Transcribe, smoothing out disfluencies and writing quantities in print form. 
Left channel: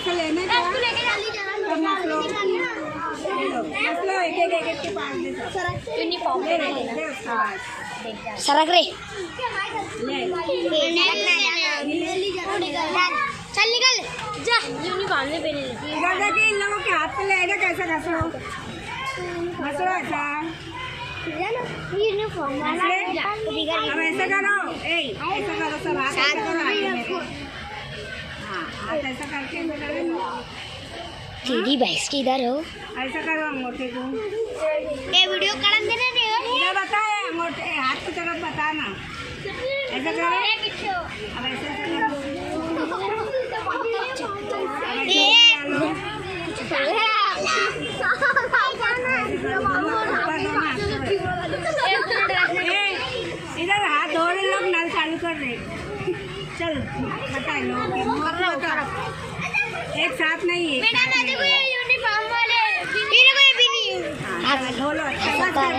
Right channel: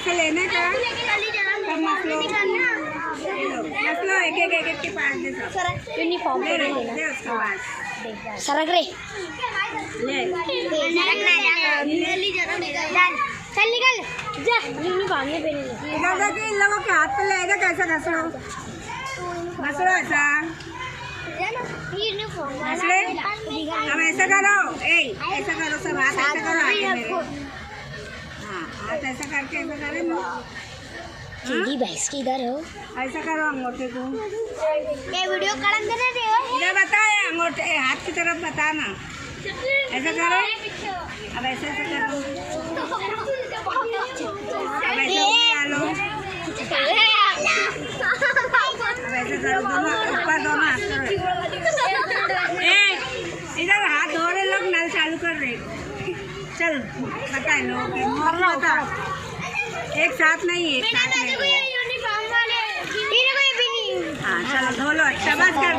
ऐसे लेने का मत लो, एक एक के पास दे यूनिफॉर्म दे उसके बाद सरक रे चल निकल जा यूनिफॉर्म नहीं पहने दादा कि इन लोगों के हाथ पे लेगा कैसा घसड़ो ऐसा यूनिफॉर्म अब ऐसा करो ऐसा करो सब हाथ ऐसा करो आगे मेरे हाँ हाथ ऐसा करके ऐसा करे ना तेरी भैंस की इधर हो ऐसा करो अंगूठे को ये वीडियो कड़न देना दे इधर बताए अंगूठे हाथ की तरफ बताना ऐसा करो अब ऐसे ऐसा करो अब ऐसे डालो ऐसे करो दोनों ऊपर दोनों हाथ करो इधर हाथ धो रहे लोग नल चालू कर रहे चल बताए लोग बता एक साथ नहीं हाँ चलो धो लो अच्छा बात कर